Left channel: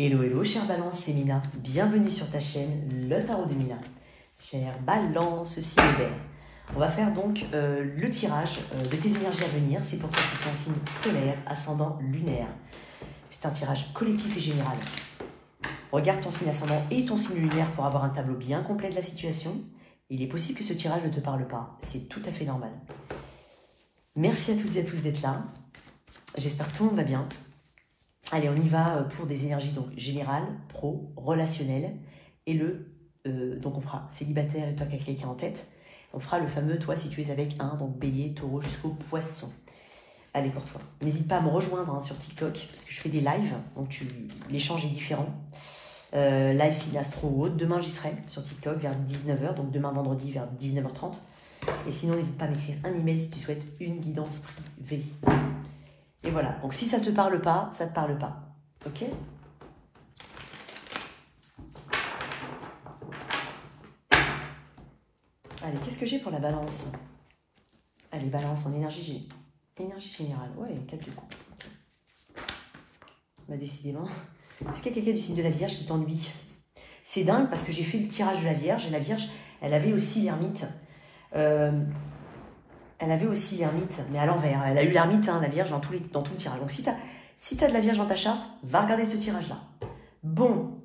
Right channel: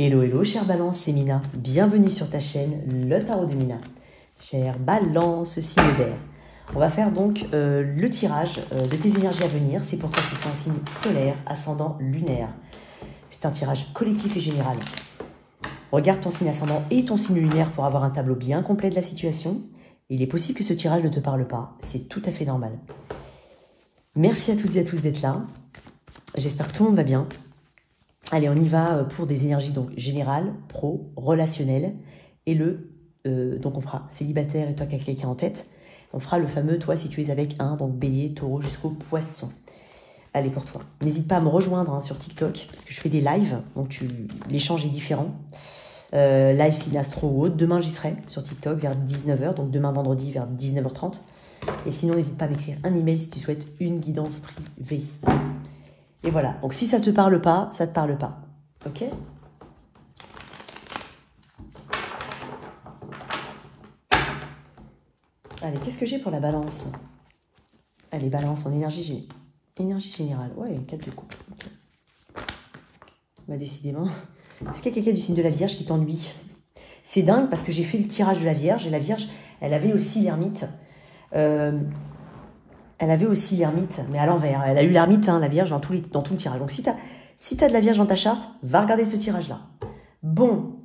Hello, hello, chère Balance, c'est Mina. Bienvenue sur ta chaîne, le Tarot de Mina. Chère Balance, signe d'air. On va faire donc le tirage de tes énergies à venir. C'est pour toi qui sont en signe solaire, ascendant, lunaire. C'est un tirage collectif et général. Regarde ton signe ascendant et ton signe lunaire pour avoir un tableau bien complet de la situation. Il est possible que ce tirage ne te parle pas. C'est tout à fait normal. Merci à toutes et à tous d'être là. J'espère que tout le monde va bien. Allez, on y va pour des énergies donc générales, pro, relationnelles. Et donc on fera célibataire et toi qui as quelqu'un en tête. On fera le fameux toi si tu es avec un, donc bélier, taureau jusqu'au poisson. Allez pour toi. N'hésite pas à me rejoindre sur TikTok parce que je fais des lives. Donc l'échange est différent. Live signe astro ou autre. Demain j'y serai sur TikTok vers 19 h. Donc demain vendredi vers 19 h 30. Et sinon n'hésite pas à m'écrire un email si tu souhaites une guidance privée. Et voilà, donc si ça ne te parle pas, ça ne te parle pas. Ok? Allez, qu'est-ce que j'ai pour la balance? Allez, balance en énergie générale. Ouais, 4 de coupe. Okay. Bah, décidément. Est-ce qu'il y a quelqu'un du signe de la Vierge qui t'ennuie? C'est dingue parce que j'ai fait le tirage de la Vierge et la Vierge, elle avait aussi l'ermite. Elle avait aussi l'ermite, mais à l'envers. Elle a eu l'ermite, hein, la Vierge, dans tout le tirage. Donc, si tu as de la Vierge dans ta charte, va regarder ce tirage-là. Bon.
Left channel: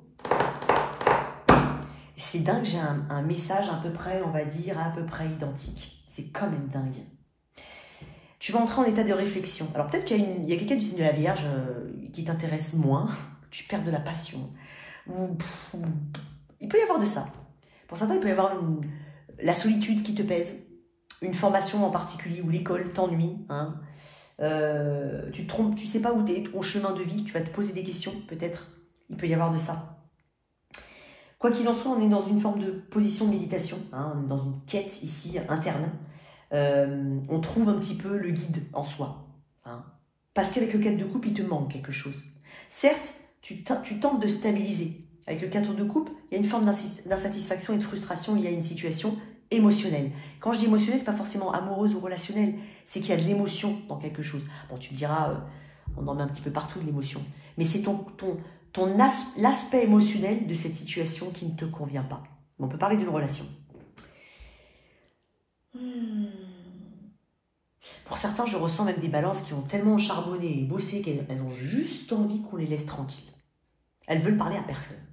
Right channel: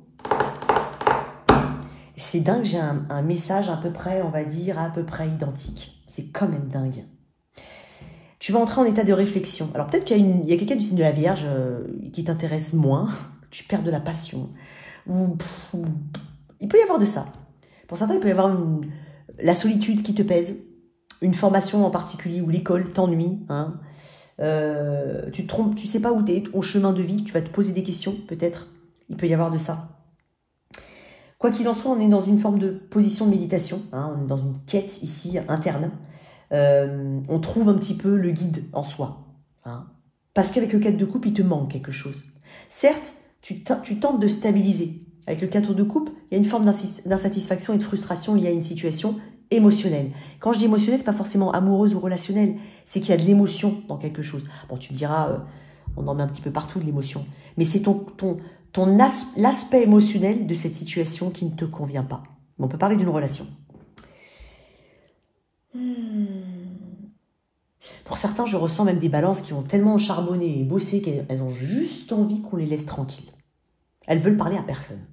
C'est dingue, j'ai un message à peu près, on va dire, à peu près identique. C'est quand même dingue. Tu vas entrer en état de réflexion. Alors, peut-être qu'il y a quelqu'un du signe de la Vierge qui t'intéresse moins. Tu perds de la passion. Il peut y avoir de ça. Pour certains, il peut y avoir la solitude qui te pèse. Une formation en particulier où l'école t'ennuie, hein. Tu te trompes, tu sais pas où tu es, ton chemin de vie, tu vas te poser des questions, peut-être. Il peut y avoir de ça. Quoi qu'il en soit, on est dans une forme de position de méditation, hein, on est dans une quête ici interne. On trouve un petit peu le guide en soi. Hein, parce qu'avec le 4 de coupe, il te manque quelque chose. Certes, tu tentes de stabiliser. Avec le 4 de coupe, il y a une forme d'insatisfaction et de frustration liée à une situation émotionnelle. Quand je dis émotionnelle, ce n'est pas forcément amoureuse ou relationnelle, c'est qu'il y a de l'émotion dans quelque chose. Bon, tu me diras, on en met un petit peu partout de l'émotion, mais c'est l'aspect émotionnel de cette situation qui ne te convient pas. On peut parler d'une relation. Pour certains, je ressens même des balances qui ont tellement charbonné et bossé qu'elles ont juste envie qu'on les laisse tranquilles. Elles veulent parler à personne.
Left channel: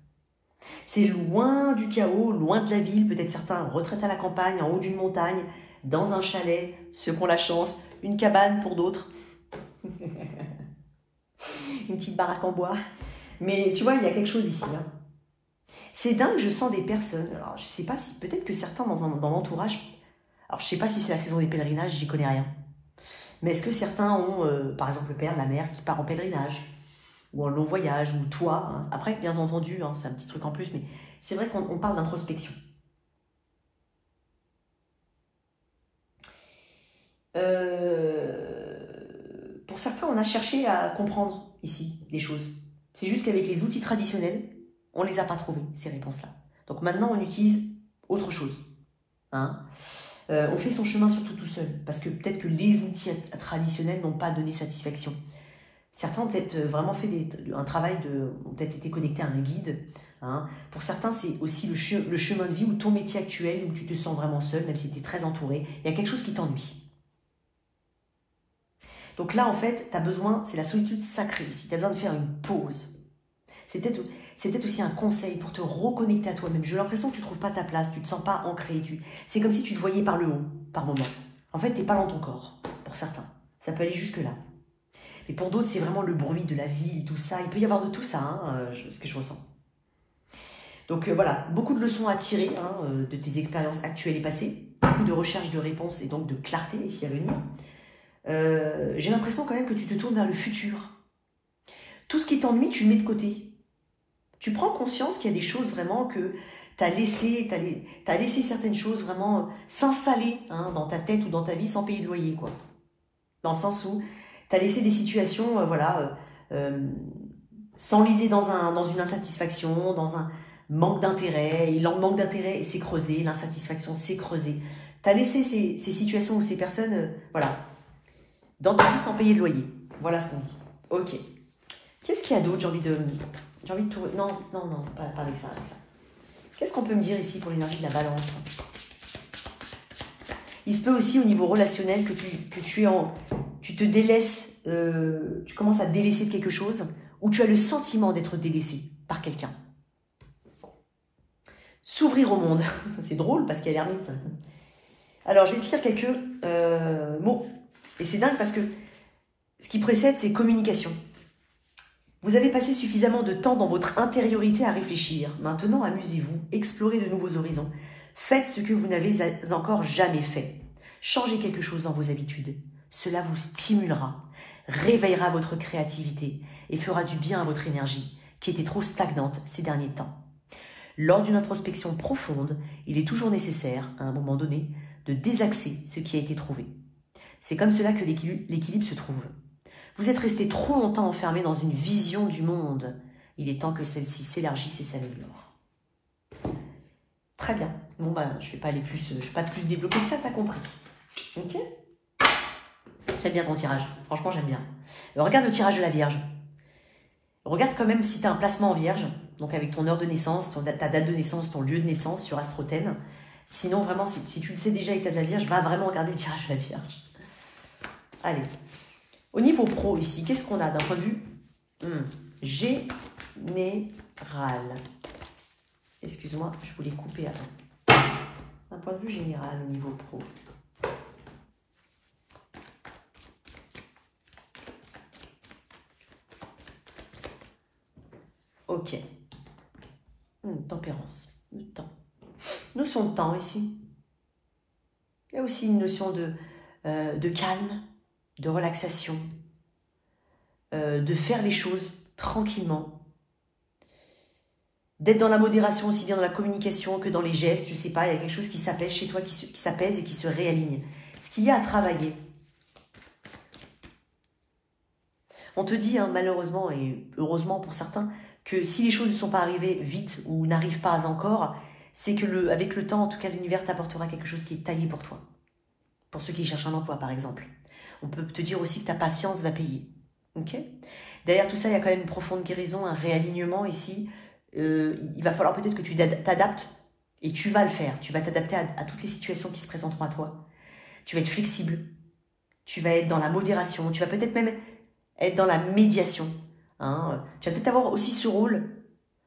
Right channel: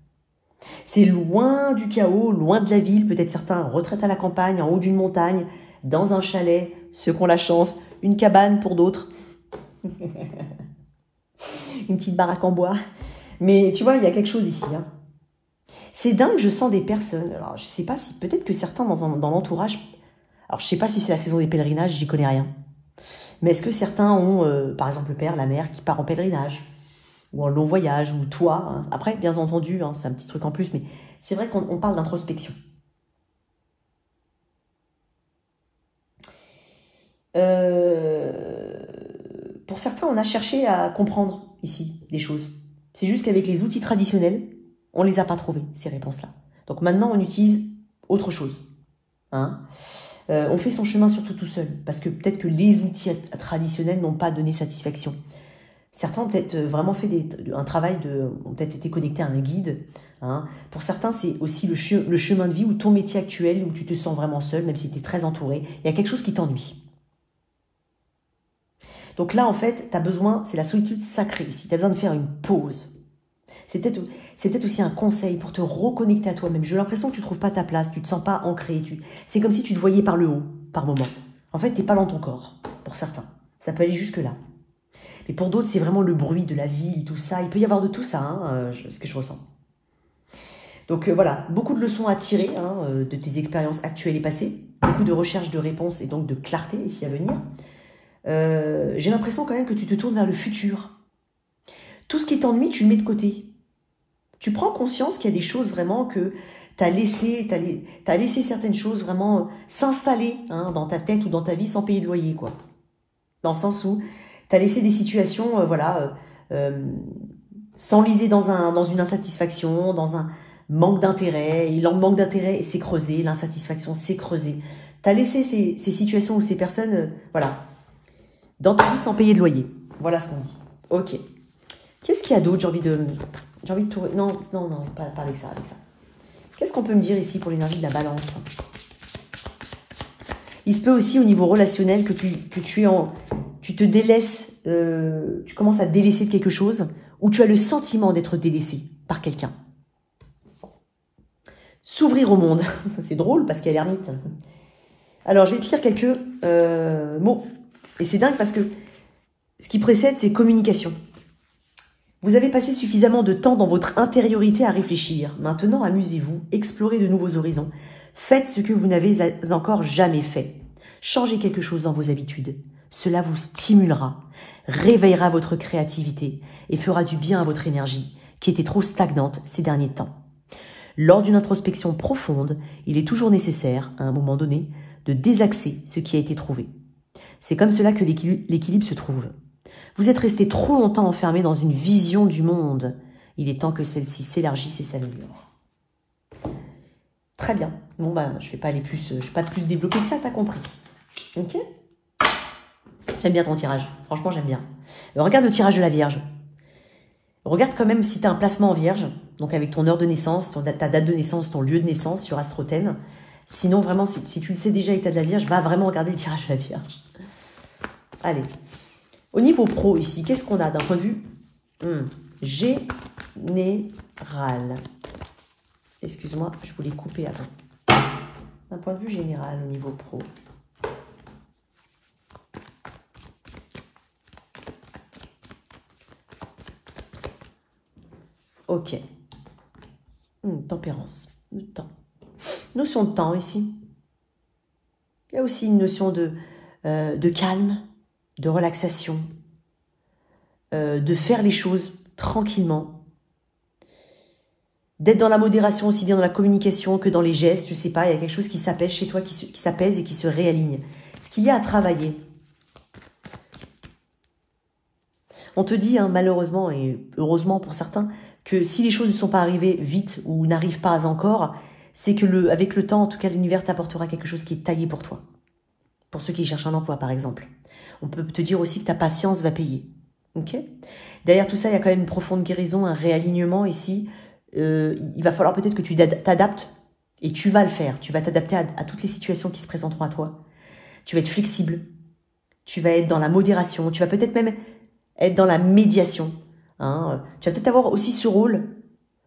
C'est loin du chaos, loin de la ville, peut-être certains retraitent à la campagne, en haut d'une montagne, dans un chalet, ceux qui ont la chance, une cabane pour d'autres, une petite baraque en bois. Mais tu vois, il y a quelque chose ici. Hein. C'est dingue, je sens des personnes. Alors, je ne sais pas si, peut-être que certains dans l'entourage, alors je ne sais pas si c'est la saison des pèlerinages, j'y connais rien. Mais est-ce que certains ont, par exemple, le père, la mère qui part en pèlerinage ou en long voyage, ou toi. Hein. Après, bien entendu, hein, c'est un petit truc en plus, mais c'est vrai qu'on parle d'introspection. Pour certains, on a cherché à comprendre ici des choses. C'est juste qu'avec les outils traditionnels, on ne les a pas trouvés, ces réponses-là. Donc maintenant, on utilise autre chose. Hein. On fait son chemin surtout tout seul, parce que peut-être que les outils traditionnels n'ont pas donné satisfaction. Certains ont peut-être vraiment fait un travail ont peut-être été connectés à un guide. Hein. Pour certains, c'est aussi le chemin de vie ou ton métier actuel où tu te sens vraiment seul, même si tu es très entouré. Il y a quelque chose qui t'ennuie. Donc là, en fait, tu as besoin, c'est la solitude sacrée ici. Tu as besoin de faire une pause. C'est peut-être aussi un conseil pour te reconnecter à toi-même. J'ai l'impression que tu ne trouves pas ta place, tu ne te sens pas ancré. C'est comme si tu te voyais par le haut, par moment. En fait, tu n'es pas dans ton corps, pour certains. Ça peut aller jusque-là. Mais pour d'autres, c'est vraiment le bruit de la ville, tout ça. Il peut y avoir de tout ça, hein, ce que je ressens. Donc voilà, beaucoup de leçons à tirer hein, de tes expériences actuelles et passées. Beaucoup de recherche de réponses et donc de clarté ici à venir. J'ai l'impression quand même que tu te tournes vers le futur. Tout ce qui t'ennuie, tu le mets de côté. Tu prends conscience qu'il y a des choses vraiment que tu as laissé certaines choses vraiment s'installer hein, dans ta tête ou dans ta vie sans payer de loyer, quoi. Dans le sens où tu as laissé des situations s'enliser dans une insatisfaction, dans un manque d'intérêt. Et le manque d'intérêt s'est creusé, l'insatisfaction s'est creusée. Tu as laissé ces situations ou ces personnes voilà, dans ta vie sans payer de loyer. Voilà ce qu'on dit. Ok. Qu'est-ce qu'il y a d'autre? J'ai envie J'ai envie de tout... Non, non, non, pas avec ça, avec ça. Qu'est-ce qu'on peut me dire ici pour l'énergie de la balance? Il se peut aussi au niveau relationnel que tu te délaisses, tu commences à te délaisser de quelque chose, ou tu as le sentiment d'être délaissé par quelqu'un. S'ouvrir au monde. C'est drôle parce qu'il y a l'ermite. Alors, je vais te lire quelques mots. Et c'est dingue parce que ce qui précède, c'est communication. Vous avez passé suffisamment de temps dans votre intériorité à réfléchir. Maintenant, amusez-vous, explorez de nouveaux horizons. Faites ce que vous n'avez encore jamais fait. Changez quelque chose dans vos habitudes. Cela vous stimulera, réveillera votre créativité et fera du bien à votre énergie, qui était trop stagnante ces derniers temps. Lors d'une introspection profonde, il est toujours nécessaire, à un moment donné, de désaxer ce qui a été trouvé. C'est comme cela que l'équilibre se trouve. Vous êtes resté trop longtemps enfermé dans une vision du monde. Il est temps que celle-ci s'élargisse et s'améliore. Très bien. Bon, bah, je ne vais pas aller plus, je vais pas plus développer que ça, t'as compris. Ok? J'aime bien ton tirage. Franchement, j'aime bien. Regarde le tirage de la Vierge. Regarde quand même si tu as un placement en Vierge, donc avec ton heure de naissance, ta date de naissance, ton lieu de naissance sur Astrothème. Sinon, vraiment, si tu le sais déjà et tu as de la Vierge, va vraiment regarder le tirage de la Vierge. Allez. Au niveau pro, ici, qu'est-ce qu'on a d'un point de vue général? Excuse-moi, je voulais couper avant. D'un point de vue général, au niveau pro. Ok. Tempérance. Le temps. Notion de temps ici. Il y a aussi une notion de calme, de relaxation, de faire les choses tranquillement, d'être dans la modération aussi bien dans la communication que dans les gestes, je ne sais pas, il y a quelque chose qui s'apaise chez toi, qui s'apaise et qui se réaligne. Ce qu'il y a à travailler. On te dit, hein, malheureusement et heureusement pour certains, que si les choses ne sont pas arrivées vite ou n'arrivent pas encore, c'est que avec le temps, en tout cas, l'univers t'apportera quelque chose qui est taillé pour toi. Pour ceux qui cherchent un emploi, par exemple. On peut te dire aussi que ta patience va payer. Okay. Derrière tout ça, il y a quand même une profonde guérison, un réalignement ici. Il va falloir peut-être que tu t'adaptes et tu vas le faire. Tu vas t'adapter à toutes les situations qui se présenteront à toi. Tu vas être flexible. Tu vas être dans la modération. Tu vas peut-être même être dans la médiation. Hein. Tu vas peut-être avoir aussi ce rôle.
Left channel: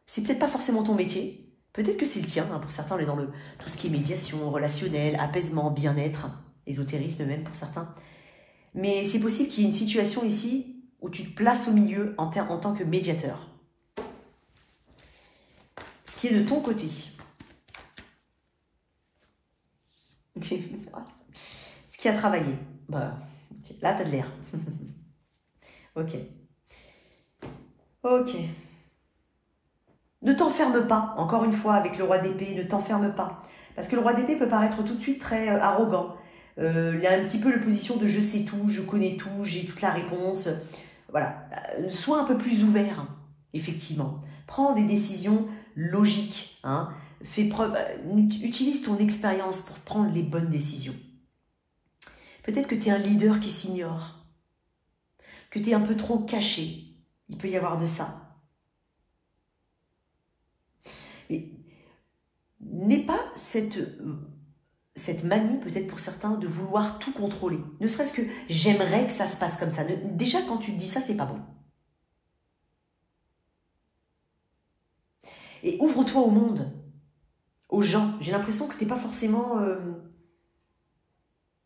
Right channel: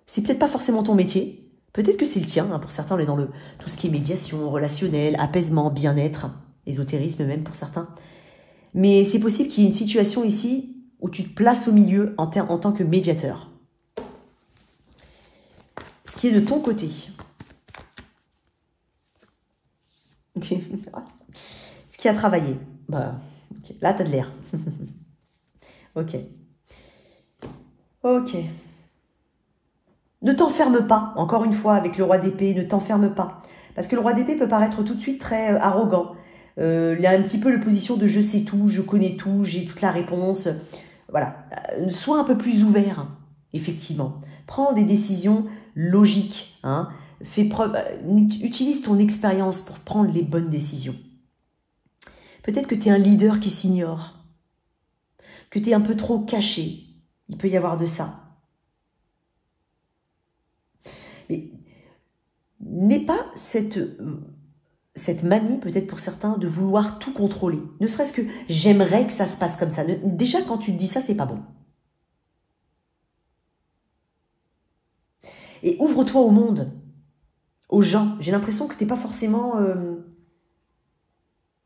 C'est peut-être pas forcément ton métier. Peut-être que c'est le tien. Hein. Pour certains, on est dans tout ce qui est médiation, relationnel, apaisement, bien-être, ésotérisme même pour certains. Mais c'est possible qu'il y ait une situation ici où tu te places au milieu en tant que médiateur. Ce qui est de ton côté. Ok. Ce qui a travaillé. Bah, okay. Là, tu as de l'air. Ok. Ok. Ne t'enferme pas, encore une fois, avec le roi d'épée, ne t'enferme pas. Parce que le roi d'épée peut paraître tout de suite très arrogant. Il a un petit peu la position de je sais tout, je connais tout, j'ai toute la réponse. Voilà. Sois un peu plus ouvert, effectivement. Prends des décisions logiques. Hein. Utilise ton expérience pour prendre les bonnes décisions. Peut-être que tu es un leader qui s'ignore. Que tu es un peu trop caché. Il peut y avoir de ça. Mais n'aie pas cette manie, peut-être pour certains, de vouloir tout contrôler. Ne serait-ce que j'aimerais que ça se passe comme ça. Déjà, quand tu te dis ça, c'est pas bon. Et ouvre-toi au monde, aux gens. J'ai l'impression que tu n'es pas forcément...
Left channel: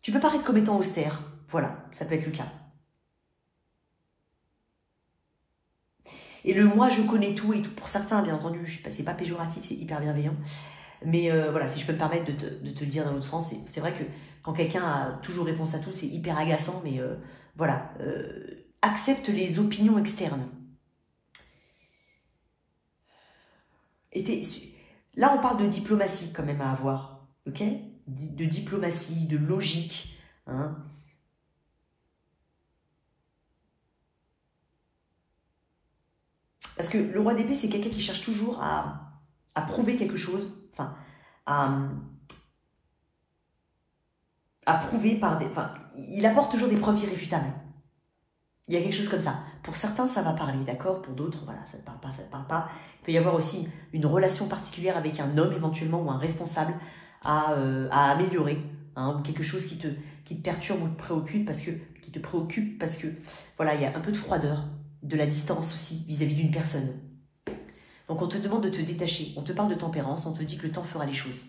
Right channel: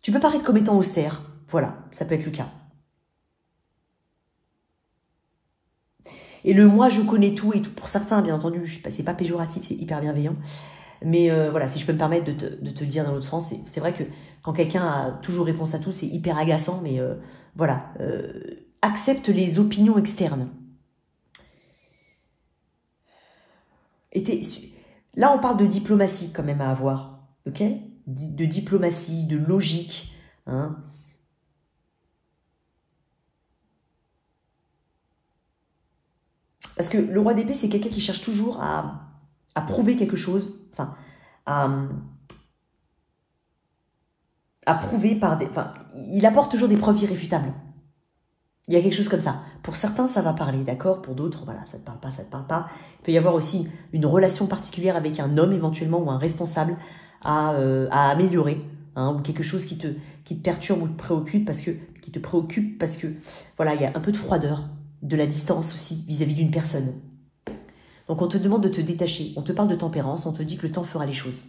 Tu peux paraître comme étant austère. Voilà, ça peut être le cas. Et le moi, je connais tout et tout. Pour certains, bien entendu, c'est pas péjoratif, c'est hyper bienveillant. Mais voilà, si je peux me permettre de te le dire dans l'autre sens, c'est vrai que quand quelqu'un a toujours réponse à tout, c'est hyper agaçant, mais voilà. Accepte les opinions externes. Là, on parle de diplomatie quand même à avoir, ok? De diplomatie, de logique, hein? Parce que le roi d'épée, c'est quelqu'un qui cherche toujours à prouver quelque chose, enfin, à prouver par des... Enfin, il apporte toujours des preuves irréfutables. Il y a quelque chose comme ça. Pour certains, ça va parler, d'accord? Pour d'autres, voilà, ça ne te parle pas, ça ne te parle pas. Il peut y avoir aussi une relation particulière avec un homme éventuellement ou un responsable à améliorer, hein, ou quelque chose qui te perturbe ou te préoccupe parce que voilà, il y a un peu de froideur, de la distance aussi vis-à-vis d'une personne. Donc on te demande de te détacher, on te parle de tempérance, on te dit que le temps fera les choses.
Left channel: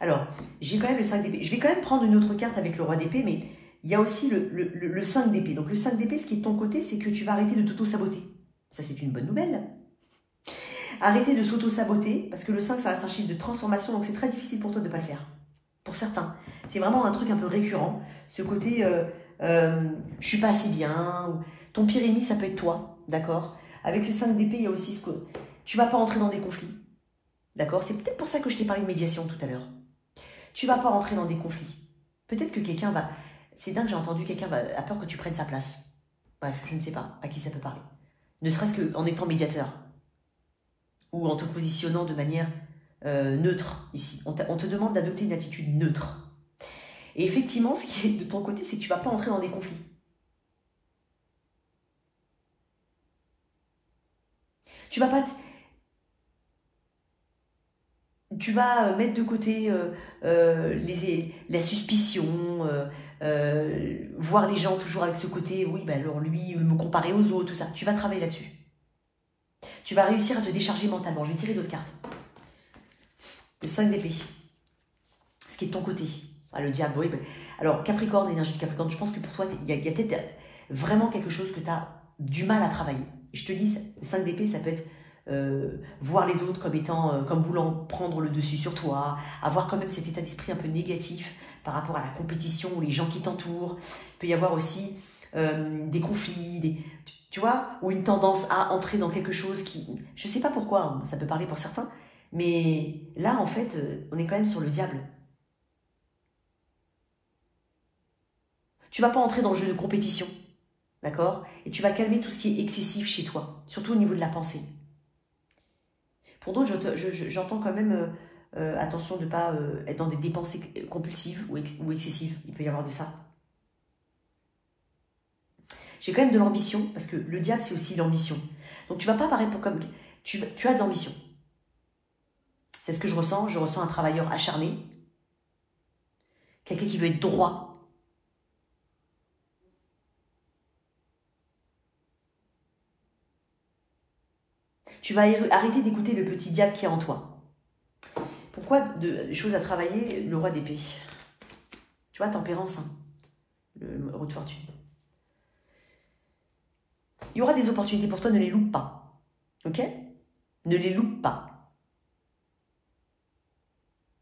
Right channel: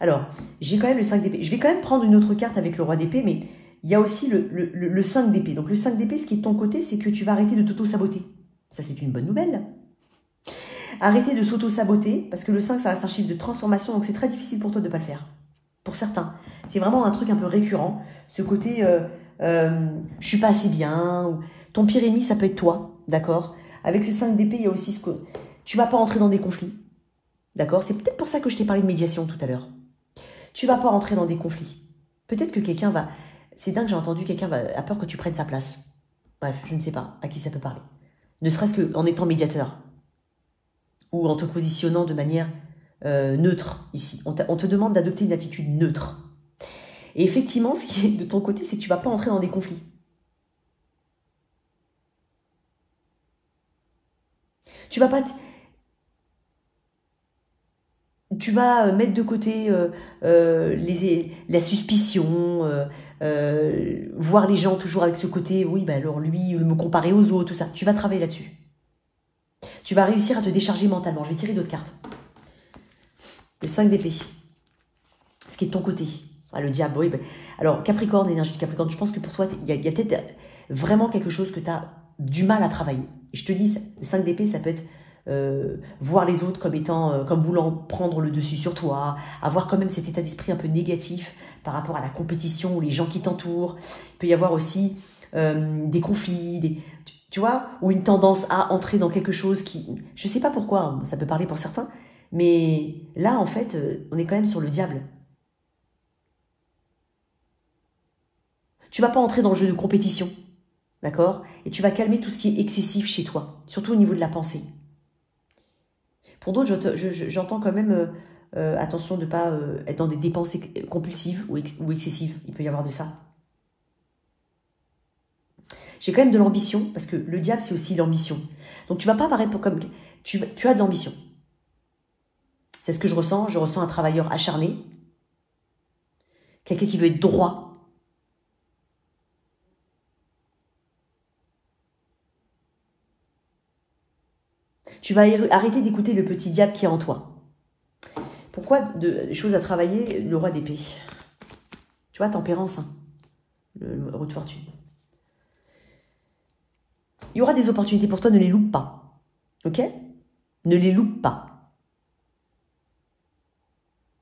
Alors, j'ai quand même le 5 d'épée. Je vais quand même prendre une autre carte avec le roi d'épée, mais il y a aussi le 5 d'épée. Donc le 5 d'épée, ce qui est de ton côté, c'est que tu vas arrêter de t'auto-saboter. Ça, c'est une bonne nouvelle. Arrêter de s'auto-saboter, parce que le 5, ça reste un chiffre de transformation, donc c'est très difficile pour toi de ne pas le faire. Pour certains. C'est vraiment un truc un peu récurrent. Ce côté, je suis pas assez bien. Ton pire ennemi, ça peut être toi, d'accord? Avec ce 5 d'épée, il y a aussi ce que tu vas pas entrer dans des conflits. D'accord? C'est peut-être pour ça que je t'ai parlé de médiation tout à l'heure. Tu vas pas rentrer dans des conflits. Peut-être que quelqu'un va... C'est dingue, j'ai entendu, quelqu'un a peur que tu prennes sa place. Bref, je ne sais pas à qui ça peut parler. Ne serait-ce qu'en étant médiateur. Ou en te positionnant de manière neutre, ici. On te demande d'adopter une attitude neutre. Et effectivement, ce qui est de ton côté, c'est que tu ne vas pas entrer dans des conflits. Tu vas pas... Tu vas mettre de côté la suspicion, voir les gens toujours avec ce côté, oui, bah alors lui, me comparer aux autres, tout ça. Tu vas travailler là-dessus. Tu vas réussir à te décharger mentalement. Je vais tirer d'autres cartes. Le 5 d'épée. Ce qui est de ton côté. Ah, le diable, oui. Bah, alors, Capricorne, énergie de Capricorne, je pense que pour toi, il y a peut-être vraiment quelque chose que tu as du mal à travailler. Et je te dis, le 5 d'épée, ça peut être voir les autres comme étant, comme voulant prendre le dessus sur toi, avoir quand même cet état d'esprit un peu négatif par rapport à la compétition ou les gens qui t'entourent. Il peut y avoir aussi des conflits, tu vois, ou une tendance à entrer dans quelque chose qui, je ne sais pas pourquoi, ça peut parler pour certains, mais là, en fait, on est quand même sur le diable. Tu ne vas pas entrer dans le jeu de compétition, d'accord? Et tu vas calmer tout ce qui est excessif chez toi, surtout au niveau de la pensée. Pour d'autres, j'entends quand même, attention de ne pas être dans des dépenses compulsives ou excessives. Il peut y avoir de ça. J'ai quand même de l'ambition, parce que le diable, c'est aussi l'ambition. Donc, tu ne vas pas paraître comme... Tu as de l'ambition. C'est ce que je ressens. Je ressens un travailleur acharné. Quelqu'un qui veut être droit. Tu vas arrêter d'écouter le petit diable qui est en toi. Pourquoi des choses à travailler, le roi d'épée? Tu vois, tempérance, hein, le roue de fortune. Il y aura des opportunités pour toi, ne les loupe pas. Ok? Ne les loupe pas.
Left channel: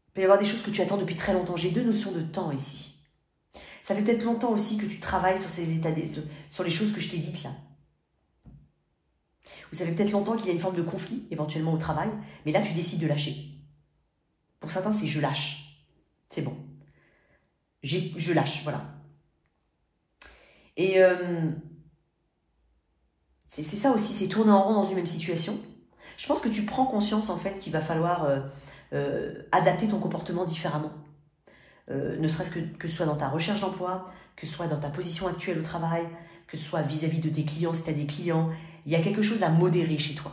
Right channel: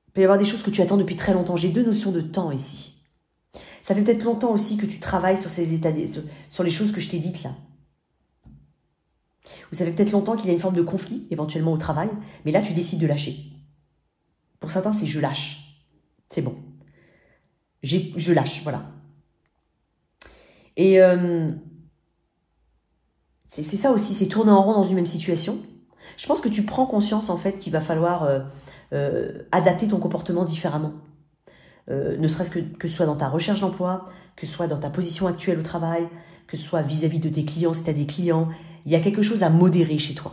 Il peut y avoir des choses que tu attends depuis très longtemps. J'ai deux notions de temps ici. Ça fait peut-être longtemps aussi que tu travailles sur ces états, sur les choses que je t'ai dites là. Vous savez peut-être longtemps qu'il y a une forme de conflit, éventuellement au travail, mais là, tu décides de lâcher. Pour certains, c'est je lâche. C'est bon. Je lâche, voilà. Et c'est ça aussi, c'est tourner en rond dans une même situation. Je pense que tu prends conscience, en fait, qu'il va falloir adapter ton comportement différemment. Ne serait-ce que ce soit dans ta recherche d'emploi, que ce soit dans ta position actuelle au travail, que ce soit vis-à-vis de tes clients, si tu as des clients. Il y a quelque chose à modérer chez toi,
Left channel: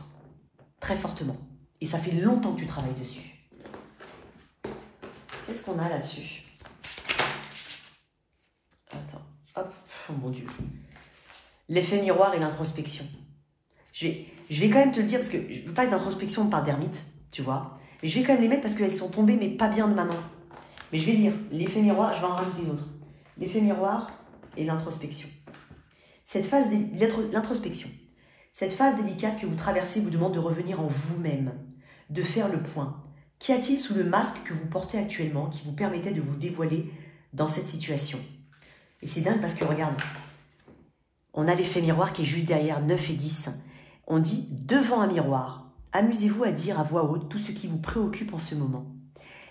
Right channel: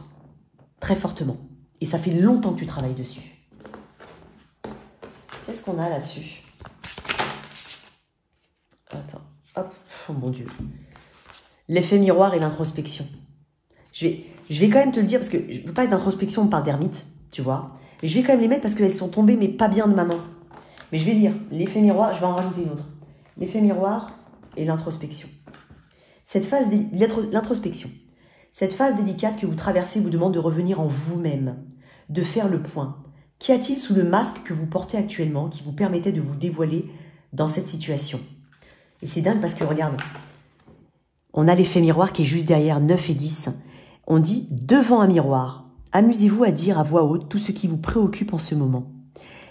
très fortement. Et ça fait longtemps que tu travailles dessus. Qu'est-ce qu'on a là-dessus? Attends, hop, oh mon Dieu. L'effet miroir et l'introspection. Je vais quand même te le dire, parce que je ne veux pas être d'introspection par d'ermite, tu vois. Mais je vais quand même les mettre parce qu'elles sont tombées, mais pas bien de ma main. Mais je vais lire l'effet miroir, je vais en rajouter une autre. L'effet miroir et l'introspection. Cette phase, l'introspection. Cette phase délicate que vous traversez vous demande de revenir en vous-même, de faire le point. Qu'y a-t-il sous le masque que vous portez actuellement qui vous permettait de vous dévoiler dans cette situation? Et c'est dingue parce que, regarde, on a l'effet miroir qui est juste derrière 9 et 10. On dit, devant un miroir, amusez-vous à dire à voix haute tout ce qui vous préoccupe en ce moment.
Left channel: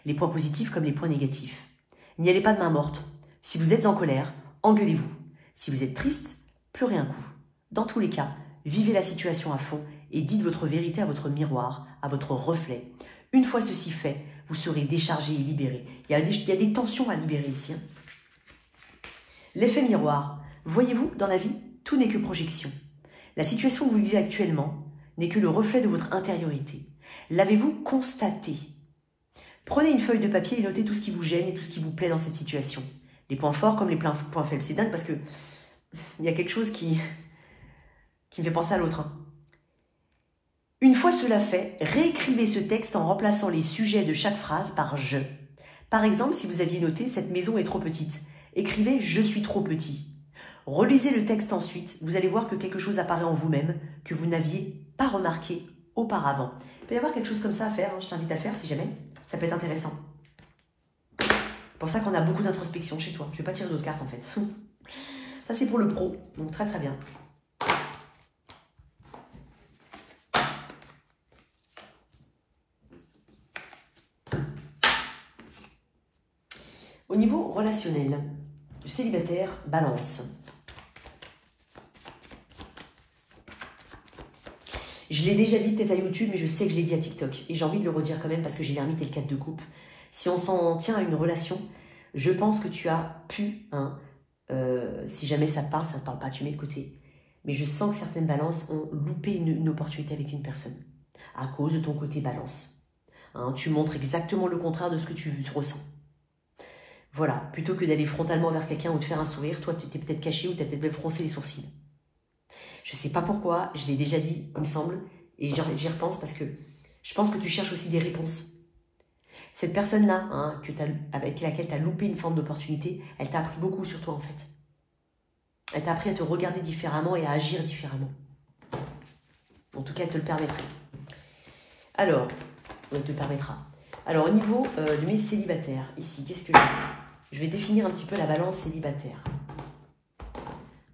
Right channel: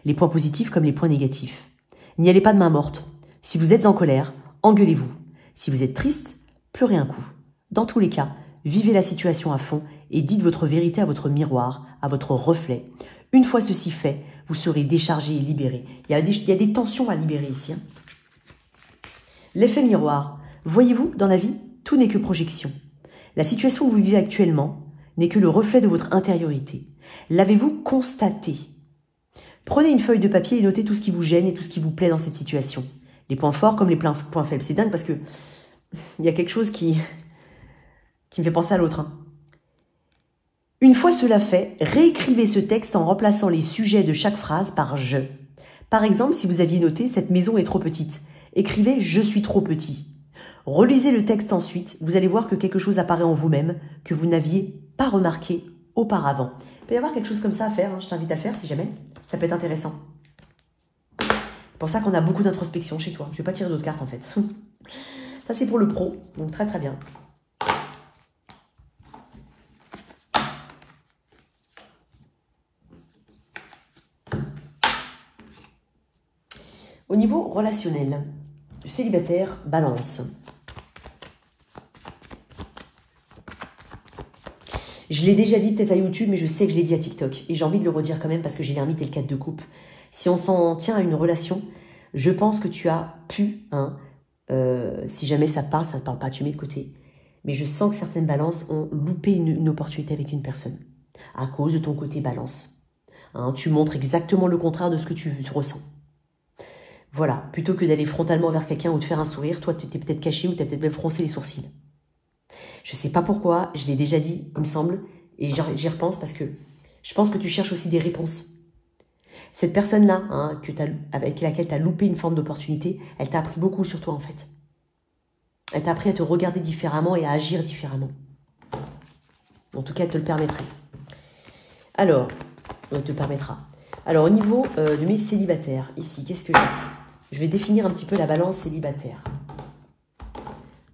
Les points positifs comme les points négatifs. N'y allez pas de main morte. Si vous êtes en colère, engueulez-vous. Si vous êtes triste, pleurez un coup. Dans tous les cas, vivez la situation à fond et dites votre vérité à votre miroir, à votre reflet. Une fois ceci fait, vous serez déchargé et libéré. Il y a des tensions à libérer ici. Hein. L'effet miroir. Voyez-vous, dans la vie, tout n'est que projection. La situation où vous vivez actuellement n'est que le reflet de votre intériorité. L'avez-vous constaté? Prenez une feuille de papier et notez tout ce qui vous gêne et tout ce qui vous plaît dans cette situation. Les points forts comme les points faibles. C'est dingue parce que il y a quelque chose qui me fait penser à l'autre. Hein. Une fois cela fait, réécrivez ce texte en remplaçant les sujets de chaque phrase par « je ». Par exemple, si vous aviez noté « cette maison est trop petite », écrivez « je suis trop petit ». Relisez le texte ensuite, vous allez voir que quelque chose apparaît en vous-même que vous n'aviez pas remarqué auparavant. Il peut y avoir quelque chose comme ça à faire, hein. Je t'invite à le faire si jamais, ça peut être intéressant. C'est pour ça qu'on a beaucoup d'introspection chez toi. Je ne vais pas tirer d'autres cartes en fait. Ça c'est pour le pro, donc très très bien. Au niveau relationnel, le célibataire, balance. Je l'ai déjà dit peut-être à YouTube, mais je sais que je l'ai dit à TikTok. Et j'ai envie de le redire quand même parce que j'ai l'ermite et le 4 de coupe. Si on s'en tient à une relation, je pense que tu as pu, hein, si jamais ça ne parle pas, tu mets de côté. Mais je sens que certaines balances ont loupé une opportunité avec une personne. À cause de ton côté balance. Hein, tu montres exactement le contraire de ce que tu ressens. Voilà, plutôt que d'aller frontalement vers quelqu'un ou de faire un sourire, toi tu t'es peut-être caché ou tu as peut-être même froncé les sourcils. Je ne sais pas pourquoi, je l'ai déjà dit, il me semble, et j'y repense parce que je pense que tu cherches aussi des réponses. Cette personne-là, hein, avec laquelle tu as loupé une forme d'opportunité, elle t'a appris beaucoup sur toi en fait. Elle t'a appris à te regarder différemment et à agir différemment. En tout cas, elle te le permettrait. Alors, elle te permettra. Alors, au niveau de mes célibataires, ici, qu'est-ce que j'ai? Je vais définir un petit peu la balance célibataire.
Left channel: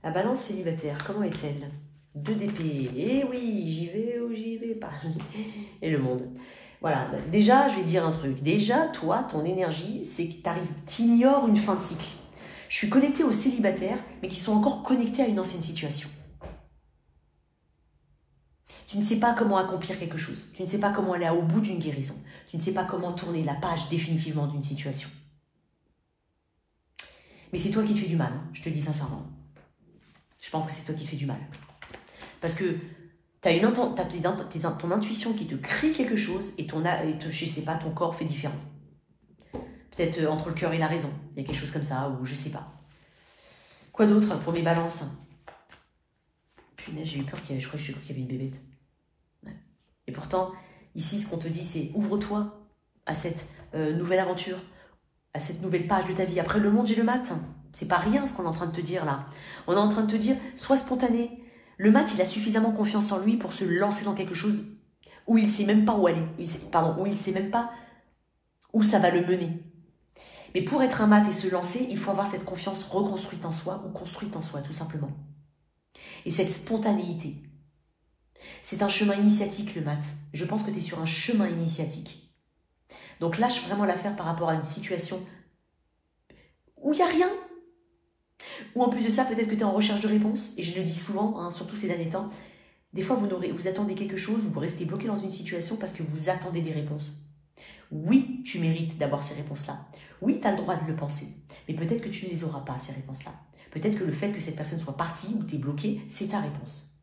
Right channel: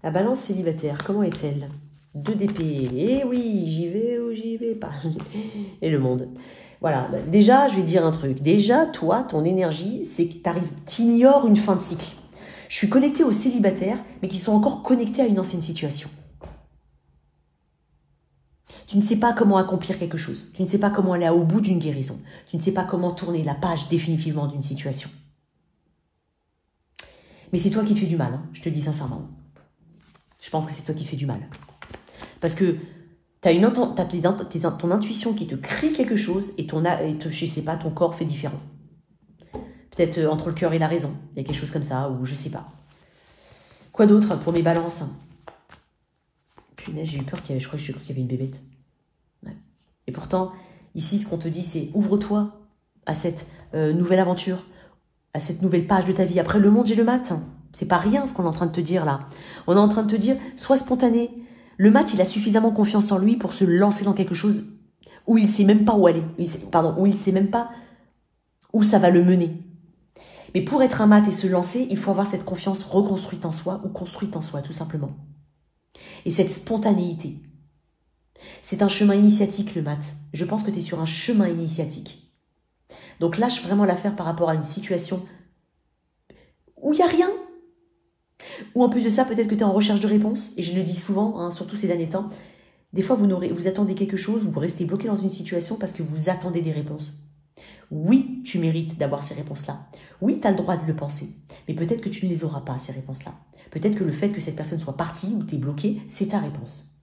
La balance célibataire, comment est-elle? 2 d'épée. Eh oui, j'y vais ou j'y vais pas. Et le monde. Voilà. Déjà, je vais te dire un truc. Déjà, toi, ton énergie, c'est que tu ignores une fin de cycle. Je suis connectée aux célibataires, mais qui sont encore connectés à une ancienne situation. Tu ne sais pas comment accomplir quelque chose. Tu ne sais pas comment aller au bout d'une guérison. Tu ne sais pas comment tourner la page définitivement d'une situation. Mais c'est toi qui te fais du mal, hein, je te le dis sincèrement. Je pense que c'est toi qui te fais du mal. Parce que tu as ton intuition qui te crie quelque chose et je sais pas, ton corps fait différent. Peut-être entre le cœur et la raison. Il y a quelque chose comme ça, ou je sais pas. Quoi d'autre pour mes balances? Punaise, j'ai eu peur je crois qu'il y avait une bébête. Ouais. Et pourtant, ici, ce qu'on te dit, c'est ouvre-toi à cette nouvelle aventure, à cette nouvelle page de ta vie. Après, le monde, j'ai le mat. C'est pas rien ce qu'on est en train de te dire là. On est en train de te dire, sois spontané. Le mat, il a suffisamment confiance en lui pour se lancer dans quelque chose où il ne sait même pas où aller. Où il ne sait même pas où ça va le mener. Mais pour être un mat et se lancer, il faut avoir cette confiance reconstruite en soi ou construite en soi, tout simplement. Et cette spontanéité. C'est un chemin initiatique, le mat. Je pense que tu es sur un chemin initiatique. Donc lâche vraiment l'affaire par rapport à une situation où il n'y a rien. Ou en plus de ça, peut-être que tu es en recherche de réponses. Et je le dis souvent, hein, surtout ces derniers temps. Des fois, vous attendez quelque chose, vous restez bloqué dans une situation parce que vous attendez des réponses. Oui, tu mérites d'avoir ces réponses-là. Oui, tu as le droit de le penser. Mais peut-être que tu ne les auras pas, ces réponses-là. Peut-être que le fait que cette personne soit partie ou tu es bloqué, c'est ta réponse.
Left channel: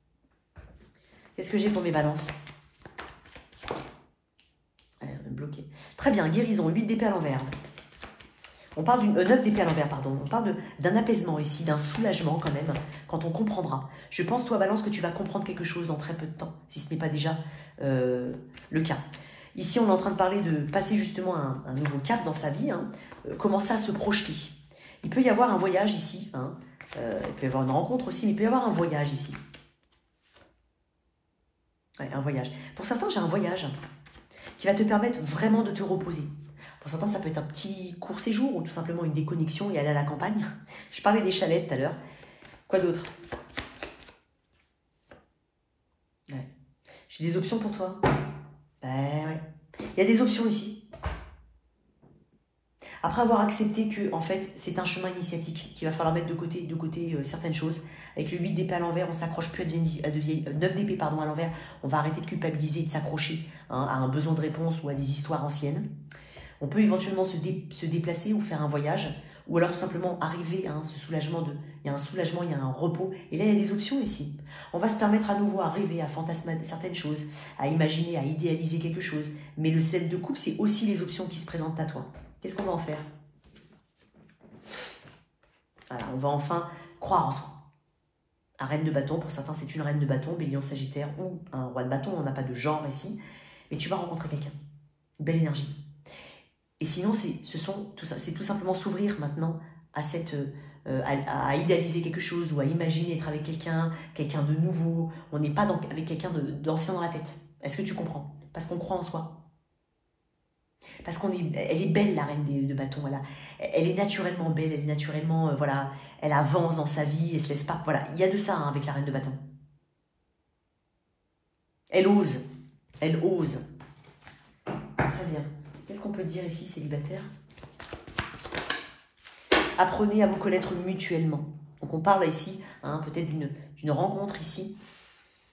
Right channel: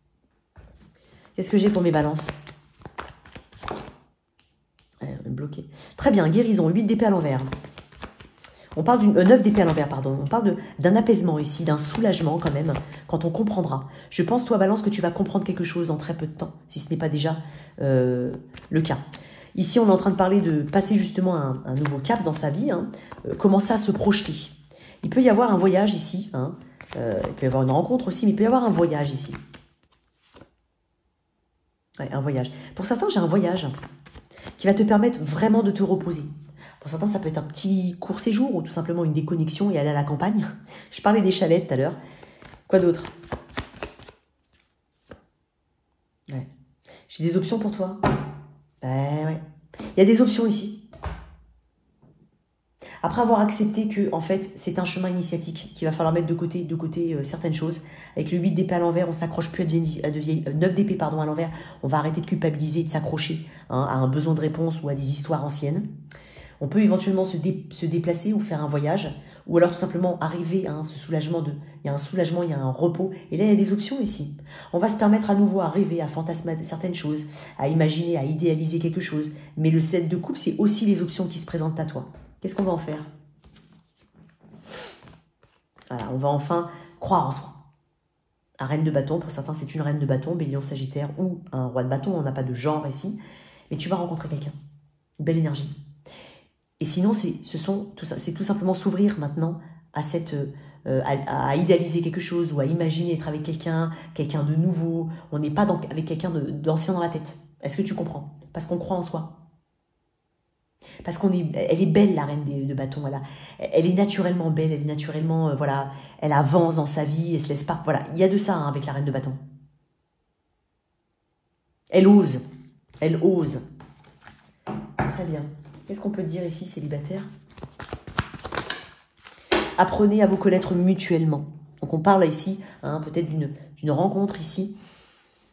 Qu'est-ce que j'ai pour mes balances? Bloqué. Très bien, guérison, 8 d'épée à l'envers. On parle d'une 9 d'épée à l'envers, pardon. On parle d'un apaisement ici, d'un soulagement quand même, quand on comprendra. Je pense, toi, Balance, que tu vas comprendre quelque chose dans très peu de temps, si ce n'est pas déjà le cas. Ici, on est en train de parler de passer justement un nouveau cap dans sa vie, hein, commencer à se projeter. Il peut y avoir un voyage ici, hein, il peut y avoir une rencontre aussi, mais il peut y avoir un voyage ici. Ouais, un voyage. Pour certains, j'ai un voyage qui va te permettre vraiment de te reposer. Pour certains, ça peut être un petit court séjour ou tout simplement une déconnexion et aller à la campagne. Je parlais des chalets tout à l'heure. Quoi d'autre? Ouais. J'ai des options pour toi. Ouais. Il y a des options ici. Après avoir accepté que, en fait, c'est un chemin initiatique, qu'il va falloir mettre de côté certaines choses. Avec le 8 d'épée à l'envers, on ne s'accroche plus à 9 d'épée pardon, à l'envers. On va arrêter de culpabiliser, de s'accrocher hein, à un besoin de réponse ou à des histoires anciennes. On peut éventuellement se déplacer ou faire un voyage ou alors tout simplement arriver à ce soulagement il y a un soulagement, il y a un repos. Et là, il y a des options ici. On va se permettre à nouveau à rêver, à fantasmer certaines choses, à imaginer, à idéaliser quelque chose. Mais le 7 de coupe, c'est aussi les options qui se présentent à toi. Qu'est-ce qu'on va en faire? Voilà, on va enfin croire en soi. Un reine de bâton, pour certains, c'est une reine de bâton, bélier en sagittaire, ou un roi de bâton, on n'a pas de genre ici. Mais tu vas rencontrer quelqu'un. Une belle énergie. Et sinon, c'est tout simplement s'ouvrir maintenant à à idéaliser quelque chose ou à imaginer être avec quelqu'un de nouveau. On n'est pas avec quelqu'un d'ancien dans la tête. Est-ce que tu comprends? Parce qu'on croit en soi. Parce elle est belle, la reine de bâton. Elle est naturellement belle, elle est naturellement, voilà, elle avance dans sa vie, elle se laisse pas. Voilà, il y a de ça avec la reine de bâton. Elle ose. Elle ose. Très bien. Qu'est-ce qu'on peut dire ici, célibataire? Apprenez à vous connaître mutuellement. Donc on parle ici, peut-être d'une rencontre ici,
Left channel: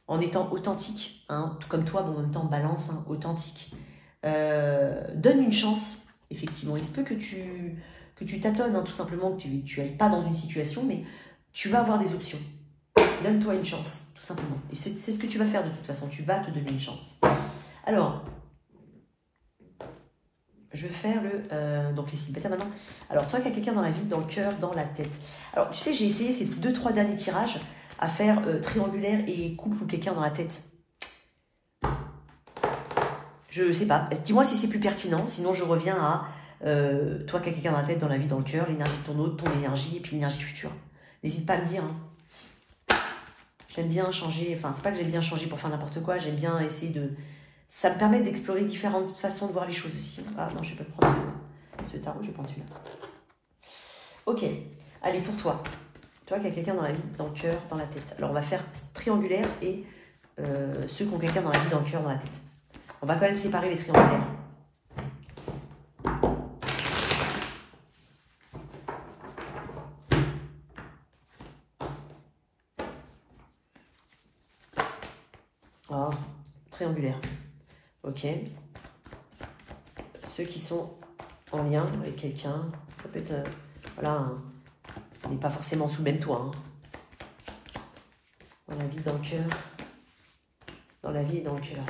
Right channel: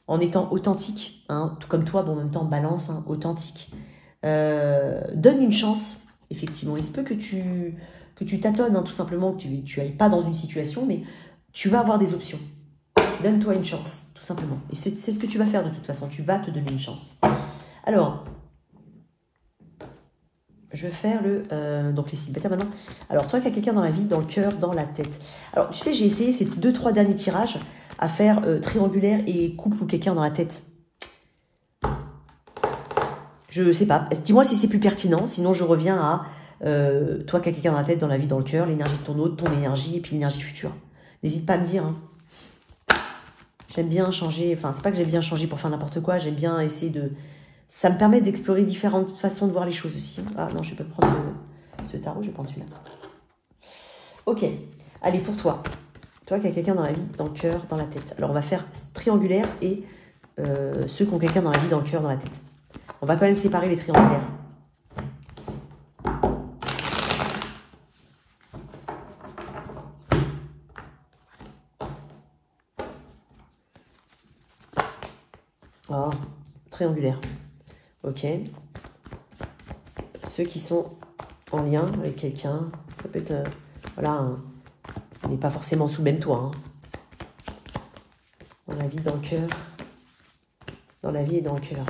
en étant authentique, tout comme toi, bon, en même temps balance, authentique. Donne une chance, effectivement. Il se peut que tu tâtonnes, tout simplement, que tu n'ailles pas dans une situation, mais tu vas avoir des options. Donne-toi une chance, tout simplement. Et c'est ce que tu vas faire de toute façon, tu vas te donner une chance. Alors, je vais faire donc les célibataires maintenant. Alors, toi qui as quelqu'un dans la vie, dans le cœur, dans la tête. Alors, tu sais, j'ai essayé ces 2-3 derniers tirages à faire triangulaire et couple ou quelqu'un dans la tête. Je sais pas. Dis-moi si c'est plus pertinent. Sinon, je reviens à toi qui as quelqu'un dans la tête, dans la vie, dans le cœur, l'énergie de ton autre, ton énergie et puis l'énergie future. N'hésite pas à me dire. J'aime bien changer. Enfin, c'est pas que j'aime bien changer pour faire n'importe quoi. J'aime bien essayer de... Ça me permet d'explorer différentes façons de voir les choses aussi. Ah non, je vais pas prendre ce tarot, je vais prendre celui-là. Ok, allez, pour toi. Toi qui as quelqu'un dans la vie, dans le cœur, dans la tête. Alors, on va faire triangulaire et ceux qui ont quelqu'un dans la vie, dans le cœur, dans la tête. On va quand même séparer les triangulaires. Oh, triangulaire. Ok. Ceux qui sont en lien avec quelqu'un, ça peut être, voilà, on n'est pas forcément sous le même toit. Dans la vie, dans le cœur. Dans la vie et dans le cœur.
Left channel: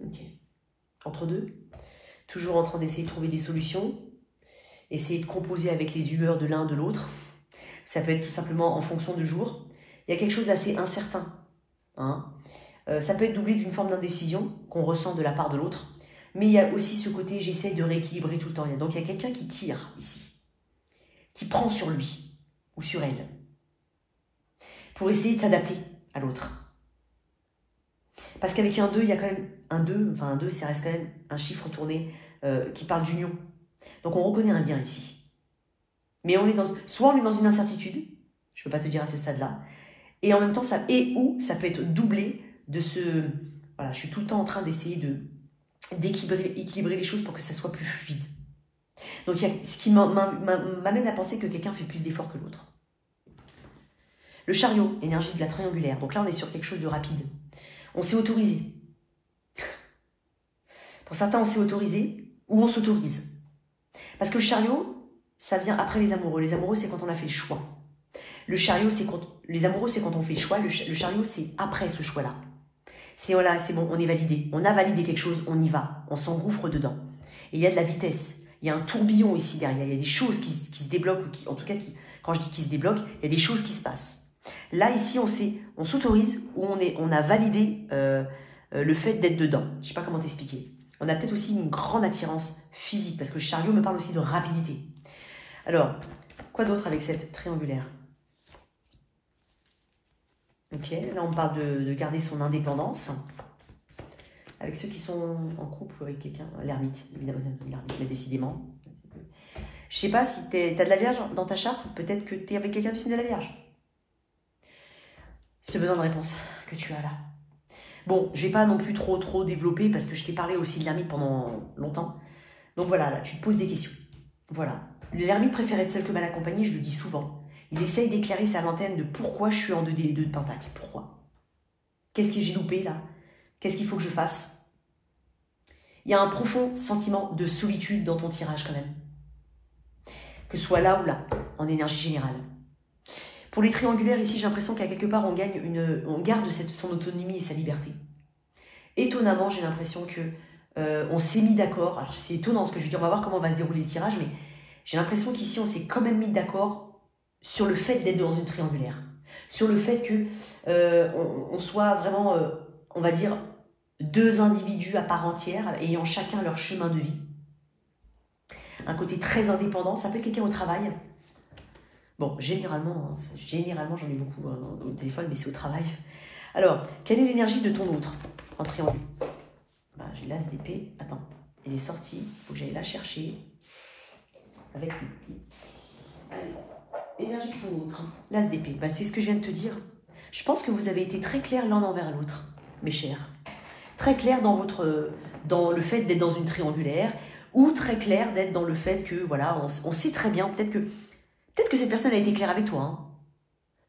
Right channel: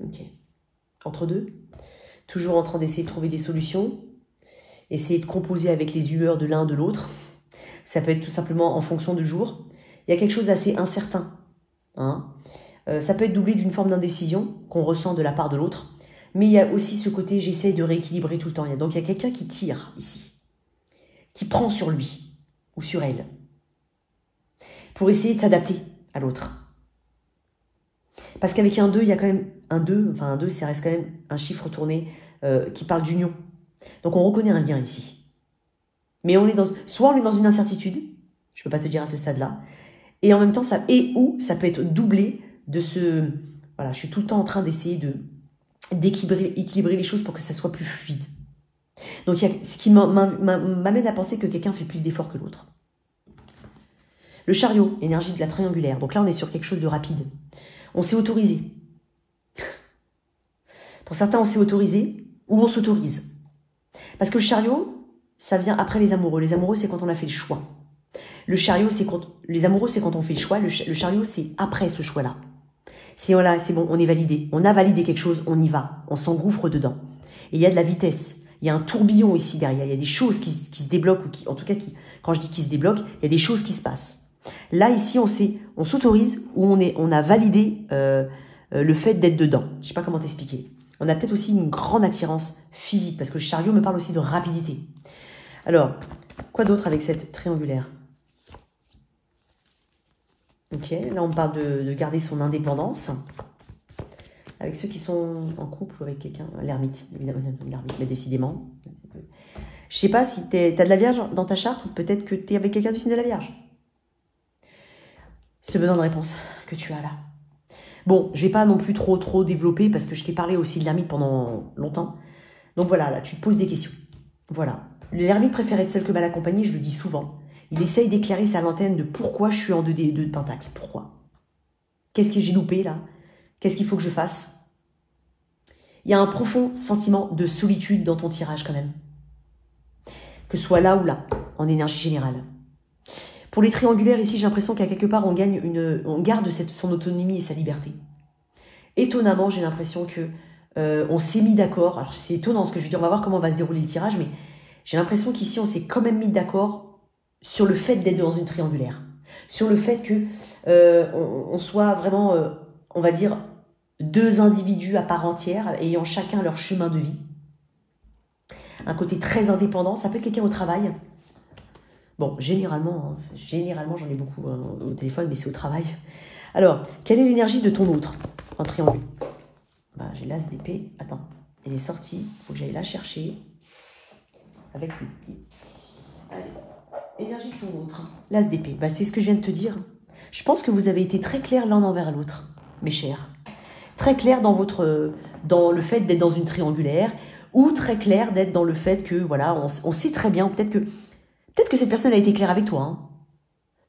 Ok. Entre deux. Toujours en train d'essayer de trouver des solutions. Essayer de composer avec les humeurs de l'un de l'autre. Ça peut être tout simplement en fonction du jour. Il y a quelque chose d'assez incertain. Ça peut être doublé d'une forme d'indécision qu'on ressent de la part de l'autre. Mais il y a aussi ce côté, j'essaie de rééquilibrer tout le temps. Donc il y a quelqu'un qui tire ici. Qui prend sur lui ou sur elle. Pour essayer de s'adapter à l'autre. Parce qu'avec un 2, il y a quand même un 2. Enfin un 2, ça reste quand même un chiffre tourné qui parle d'union. Donc on reconnaît un lien ici. Mais soit on est dans une incertitude, je ne peux pas te dire à ce stade-là, et en même temps, ça peut être doublé de ce... Voilà, je suis tout le temps en train d'essayer d'équilibrer les choses pour que ça soit plus fluide. Donc, il y a ce qui m'amène à penser que quelqu'un fait plus d'efforts que l'autre. Le chariot, l'énergie de la triangulaire. Donc là, on est sur quelque chose de rapide. On s'est autorisé. Pour certains, on s'est autorisé ou on s'autorise. Parce que le chariot, ça vient après les amoureux. Les amoureux, c'est quand on a fait le choix. Le chariot, c'est quand... Les amoureux, c'est quand on fait le choix. Le chariot, c'est après ce choix-là. C'est voilà, c'est bon, on est validé. On a validé quelque chose, on y va. On s'engouffre dedans. Et il y a de la vitesse. Il y a un tourbillon ici derrière. Il y a des choses qui se débloquent. En tout cas, quand je dis qui se débloquent, il y a des choses qui se passent. Là, ici, on s'autorise ou on a validé le fait d'être dedans. Je ne sais pas comment t'expliquer. On a peut-être aussi une grande attirance physique. Parce que le chariot me parle aussi de rapidité. Alors, quoi d'autre avec cette triangulaire? Ok, là on parle de garder son indépendance. Avec ceux qui sont en couple avec quelqu'un, l'ermite, évidemment, l'ermite, mais décidément. Je sais pas si tu as de la Vierge dans ta charte, ou peut-être que tu es avec quelqu'un du signe de la Vierge. Ce besoin de réponse que tu as là. Bon, je vais pas non plus trop développer parce que je t'ai parlé aussi de l'ermite pendant longtemps. Donc voilà, là, tu te poses des questions. Voilà. L'ermite préfère être seul que mal accompagné, je le dis souvent. Il essaye d'éclairer sa lanterne de pourquoi je suis en 2 de pentacle. Pourquoi? Qu'est-ce que j'ai loupé là? Qu'est-ce qu'il faut que je fasse? Il y a un profond sentiment de solitude dans ton tirage quand même. Que ce soit là ou là, en énergie générale. Pour les triangulaires, ici, j'ai l'impression qu'à quelque part, on garde son autonomie et sa liberté. Étonnamment, j'ai l'impression que on s'est mis d'accord. Alors, c'est étonnant ce que je veux dire. On va voir comment va se dérouler le tirage, mais j'ai l'impression qu'ici, on s'est quand même mis d'accord sur le fait d'être dans une triangulaire. Sur le fait que on soit vraiment, on va dire, deux individus à part entière, ayant chacun leur chemin de vie. Un côté très indépendant. Ça peut être quelqu'un au travail. Bon, généralement j'en ai beaucoup au téléphone, mais c'est au travail. Alors, quelle est l'énergie de ton autre en triangle? Ben, j'ai l'as d'épée. Attends, elle est sortie. Il faut que j'aille la chercher. Avec lui. Allez, énergie de ton autre. L'as d'épée. Ben, c'est ce que je viens de te dire. Je pense que vous avez été très clairs l'un envers l'autre, mes chers. Très clair dans le fait d'être dans une triangulaire, ou très clair d'être dans le fait que, voilà, on sait très bien, peut-être que cette personne a été claire avec toi. Hein.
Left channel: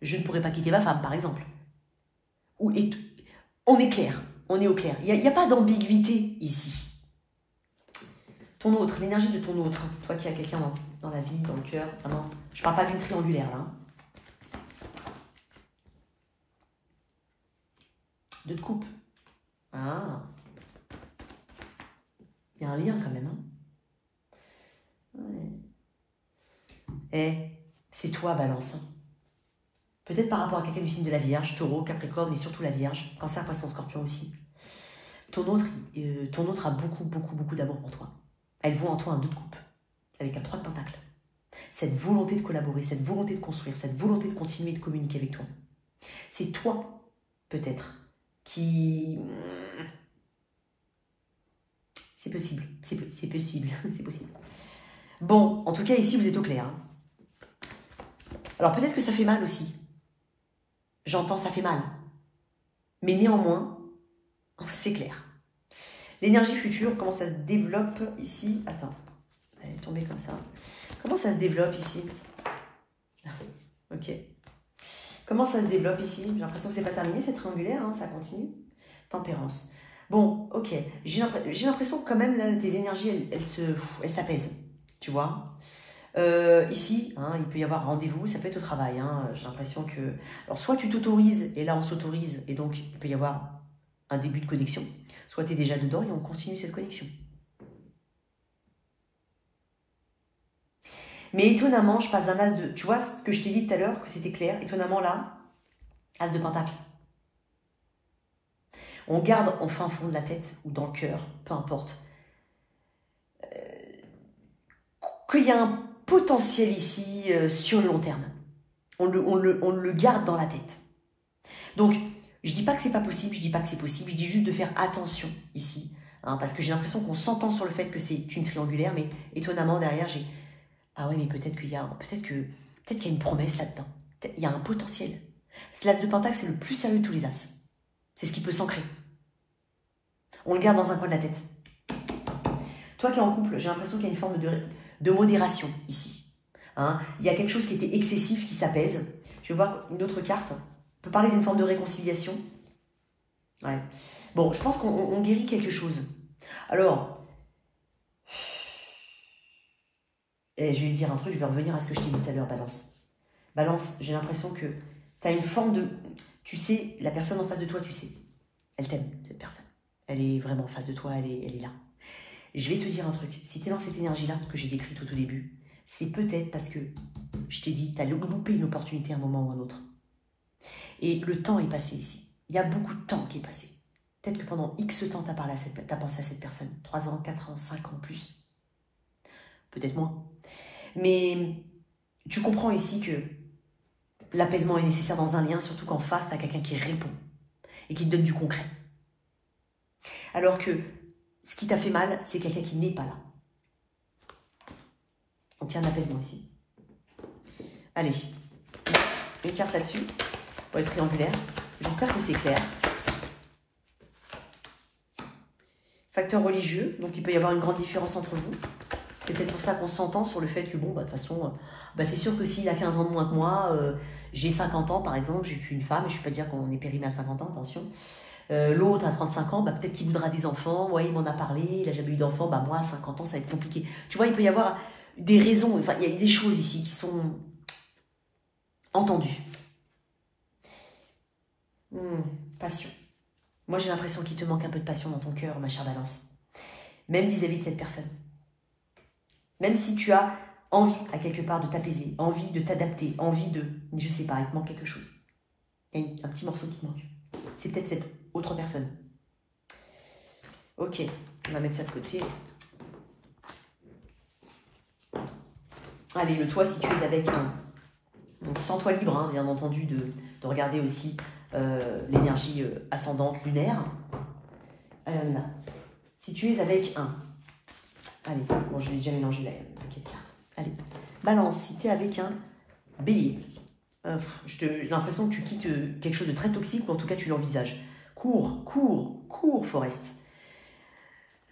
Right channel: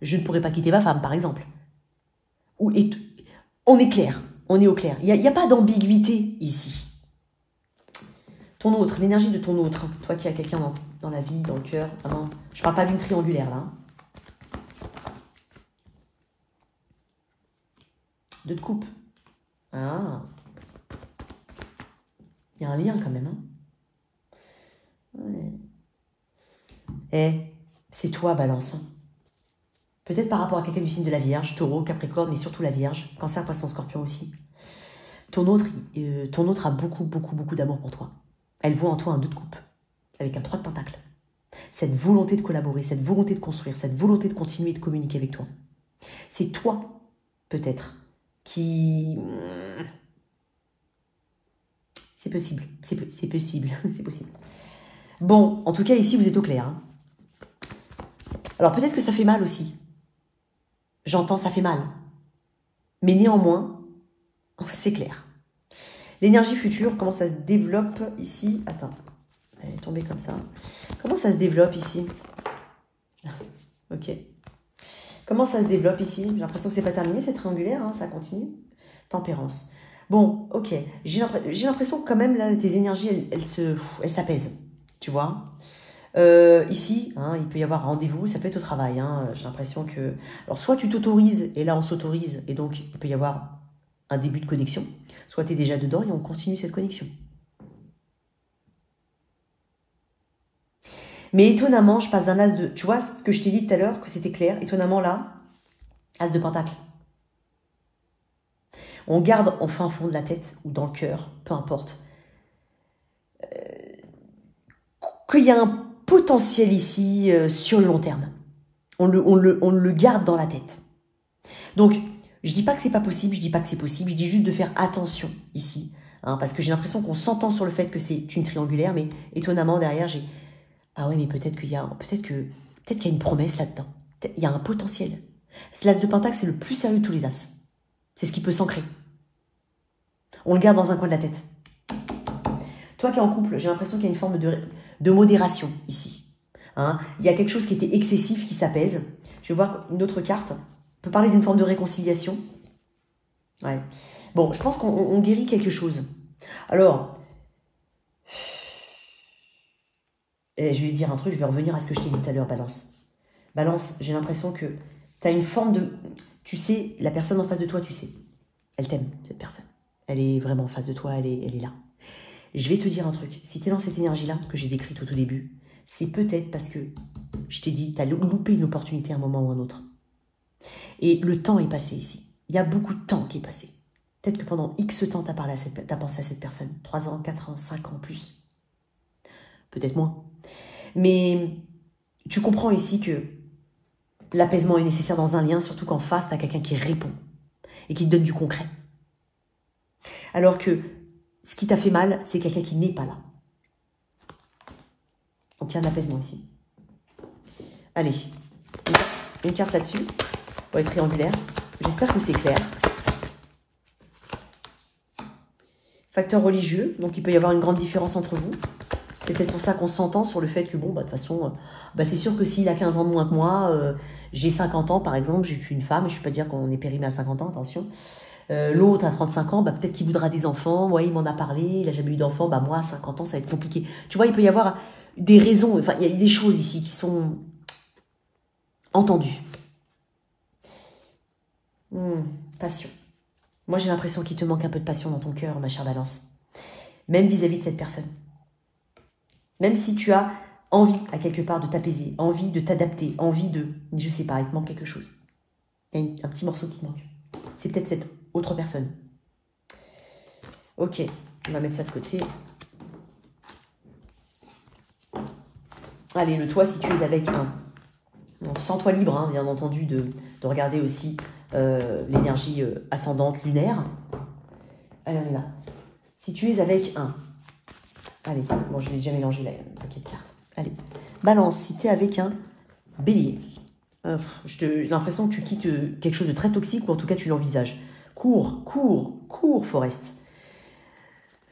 Je ne pourrais pas quitter ma femme, par exemple. On est clair, on est au clair. Il n'y a pas d'ambiguïté ici. Ton autre, l'énergie de ton autre, toi qui as quelqu'un dans la vie, dans le cœur. Hein. Je ne parle pas d'une triangulaire, là. Deux de coupe. Ah. Il y a un lien quand même. Hein. Ouais. C'est toi, Balance. Hein. Peut-être par rapport à quelqu'un du signe de la Vierge, Taureau, Capricorne, mais surtout la Vierge, Cancer, Poisson, Scorpion aussi. Ton autre a beaucoup, beaucoup, beaucoup d'amour pour toi. Elle voit en toi un 2 de coupe, avec un 3 de pentacle. Cette volonté de collaborer, cette volonté de construire, cette volonté de continuer de communiquer avec toi. C'est toi, peut-être, qui... C'est possible, c'est possible, c'est possible. Bon, en tout cas, ici, vous êtes au clair. Hein. Alors, peut-être que ça fait mal aussi. J'entends, ça fait mal. Mais néanmoins, c'est clair. L'énergie future, comment ça se développe ici? Attends, elle est tombée comme ça. Comment ça se développe ici? Ok. Comment ça se développe ici? J'ai l'impression que c'est pas terminé, c'est triangulaire, hein, ça continue. Tempérance. Bon, ok. J'ai l'impression que quand même, là, tes énergies, elles s'apaisent. Tu vois? Ici, hein, il peut y avoir rendez-vous, ça peut être au travail. Hein, j'ai l'impression que... Alors, soit tu t'autorises, et là, on s'autorise, et donc, il peut y avoir un début de connexion. Soit tu es déjà dedans, et on continue cette connexion. Mais étonnamment, je passe d'un as de... Tu vois, ce que je t'ai dit tout à l'heure, que c'était clair. Étonnamment, là, as de pentacle. On garde en fin fond de la tête, ou dans le cœur, peu importe, qu'il y a un potentiel ici sur le long terme. On le garde dans la tête. Donc, je ne dis pas que c'est pas possible, je ne dis pas que c'est possible, je dis juste de faire attention ici. Hein, parce que j'ai l'impression qu'on s'entend sur le fait que c'est une triangulaire, mais étonnamment, derrière, j'ai... Ah oui, mais peut-être qu'il y a une promesse là-dedans. Il y a un potentiel. L'as de pentacle, c'est le plus sérieux de tous les as. C'est ce qui peut s'ancrer. On le garde dans un coin de la tête. Toi qui es en couple, j'ai l'impression qu'il y a une forme de modération ici. Hein, il y a quelque chose qui était excessif qui s'apaise. Je vais voir une autre carte. On peut parler d'une forme de réconciliation. Ouais. Bon, je pense qu'on guérit quelque chose. Alors, je vais lui dire un truc, je vais revenir à ce que je t'ai dit tout à l'heure, Balance. Balance, j'ai l'impression que tu as une forme de... Tu sais, la personne en face de toi, tu sais. Elle t'aime, cette personne. Elle est vraiment en face de toi, elle est là. Je vais te dire un truc. Si tu es dans cette énergie-là que j'ai décrite au tout début, c'est peut-être parce que, je t'ai dit, tu as loupé une opportunité à un moment ou à un autre. Et le temps est passé ici. Il y a beaucoup de temps qui est passé. Peut-être que pendant X temps, tu as pensé à cette personne. 3 ans, 4 ans, 5 ans, plus. Peut-être moins. Mais tu comprends ici que l'apaisement est nécessaire dans un lien, surtout qu'en face, tu as quelqu'un qui répond et qui te donne du concret. Alors que ce qui t'a fait mal, c'est quelqu'un qui n'est pas là. Donc il y a un apaisement ici. Allez, une carte là-dessus, pour être triangulaire. J'espère que c'est clair. Facteur religieux, donc il peut y avoir une grande différence entre vous. C'est peut-être pour ça qu'on s'entend sur le fait que, bon, bah, de toute façon, bah, c'est sûr que s'il a 15 ans de moins que moi, j'ai 50 ans, par exemple, j'ai eu une femme, je ne vais pas dire qu'on est périmé à 50 ans, attention. L'autre à 35 ans, bah, peut-être qu'il voudra des enfants. Ouais, il m'en a parlé, il n'a jamais eu d'enfants. Bah, moi, à 50 ans, ça va être compliqué. Tu vois, il peut y avoir des raisons. Enfin, il y a des choses ici qui sont entendues. Passion. Moi, j'ai l'impression qu'il te manque un peu de passion dans ton cœur, ma chère Balance. Même vis-à-vis de cette personne. Même si tu as envie, à quelque part, de t'apaiser, envie de t'adapter, envie de... Je sais pas, il te manque quelque chose. Il y a un petit morceau qui te manque. C'est peut-être cette autre personne. Ok, on va mettre ça de côté. Allez, le toit, si tu es avec un... Donc, sens-toi libre, hein, bien entendu, de regarder aussi l'énergie ascendante lunaire. Allez, on est là. Si tu es avec un... Allez, bon, je vais déjà mélanger le paquet de cartes. Allez, Balance, si tu es avec un Bélier. J'ai l'impression que tu quittes quelque chose de très toxique, ou en tout cas tu l'envisages. Cours, Forest.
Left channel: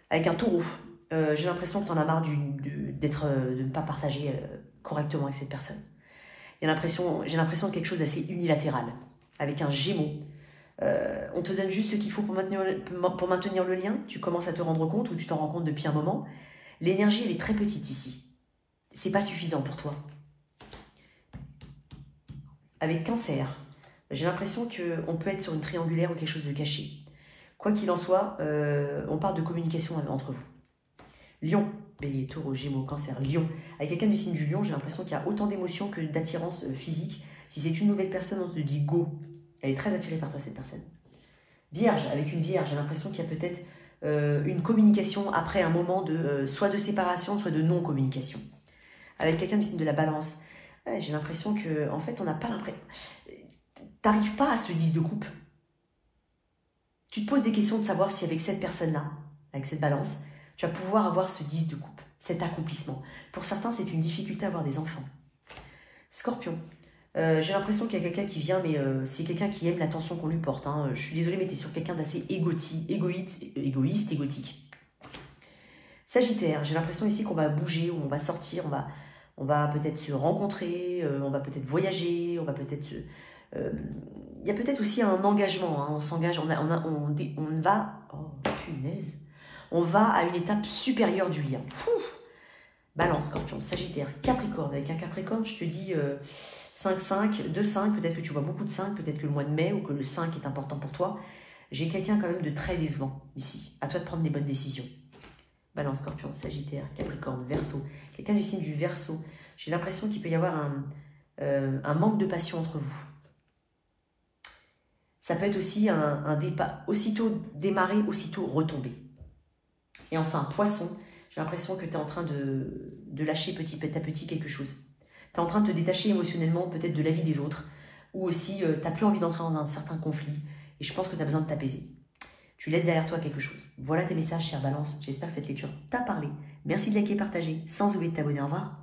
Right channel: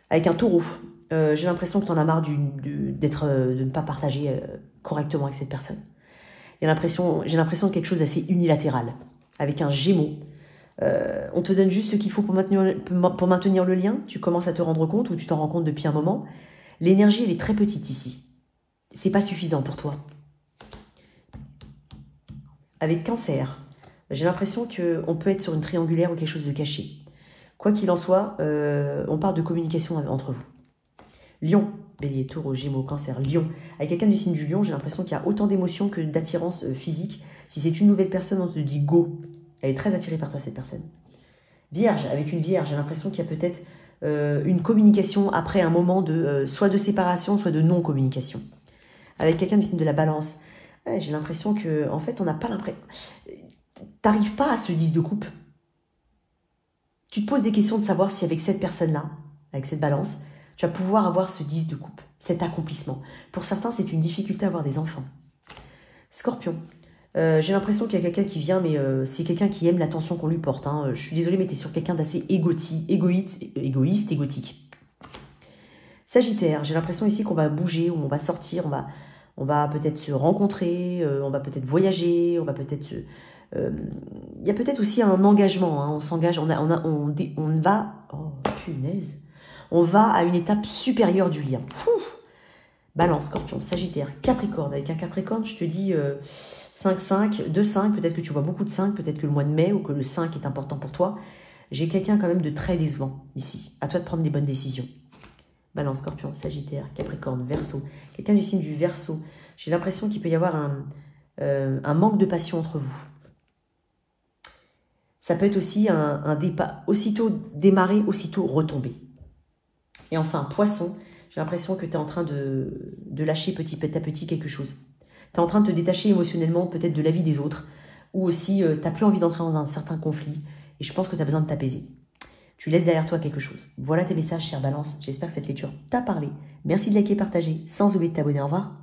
Avec un Taureau, j'ai l'impression que tu en as marre de ne pas partager correctement avec cette personne. J'ai l'impression de quelque chose d'assez unilatéral. Avec un Gémeaux, on te donne juste ce qu'il faut pour maintenir le lien. Tu commences à te rendre compte, ou tu t'en rends compte depuis un moment. L'énergie, elle est très petite ici. C'est pas suffisant pour toi. Avec Cancer, j'ai l'impression qu'on peut être sur une triangulaire ou quelque chose de caché. Quoi qu'il en soit, on parle de communication entre vous. Lion, Bélier, Taureau, Gémeaux, Cancer, Lion. Avec quelqu'un du signe du Lion, j'ai l'impression qu'il y a autant d'émotions que d'attirance physique. Si c'est une nouvelle personne, on te dit go. Elle est très attirée par toi, cette personne. Vierge, avec une Vierge, j'ai l'impression qu'il y a peut-être une communication après un moment de soit de séparation, soit de non-communication. Avec quelqu'un du signe de la Balance, ouais, j'ai l'impression que, en fait, on n'a pas l'impression... T'arrives pas à ce 10 de coupe. Tu te poses des questions de savoir si avec cette personne-là, avec cette Balance, tu vas pouvoir avoir ce 10 de coupe, cet accomplissement. Pour certains, c'est une difficulté à avoir des enfants. Scorpion, j'ai l'impression qu'il y a quelqu'un qui vient, mais c'est quelqu'un qui aime l'attention qu'on lui porte. Hein. Je suis désolée, mais tu es sur quelqu'un d'assez égoïste, égotique. Sagittaire, j'ai l'impression ici qu'on va bouger, on va sortir, on va peut-être se rencontrer, on va peut-être voyager, on va peut-être se... il y a peut-être aussi un engagement, hein, on s'engage, on va... Oh, punaise. On va à une étape supérieure du lien. Balance, Scorpion, Sagittaire, Capricorne. Avec un Capricorne, je te dis 5-5, 2-5, peut-être que tu vois beaucoup de 5, peut-être que le mois de mai ou que le 5 est important pour toi. J'ai quelqu'un quand même de très décevant ici. À toi de prendre des bonnes décisions. Balance, Scorpion, Sagittaire, Capricorne, Verseau. Quelqu'un du signe du Verseau. J'ai l'impression qu'il peut y avoir un manque de passion entre vous. Ça peut être aussi un départ, aussitôt démarrer, aussitôt retomber. Et enfin, Poisson, j'ai l'impression que tu es en train de lâcher petit à petit quelque chose. Tu es en train de te détacher émotionnellement peut-être de la vie des autres, ou aussi tu n'as plus envie d'entrer dans un certain conflit, et je pense que tu as besoin de t'apaiser. Tu laisses derrière toi quelque chose. Voilà tes messages, chère Balance. J'espère que cette lecture t'a parlé. Merci de liker et partager, sans oublier de t'abonner. Au revoir.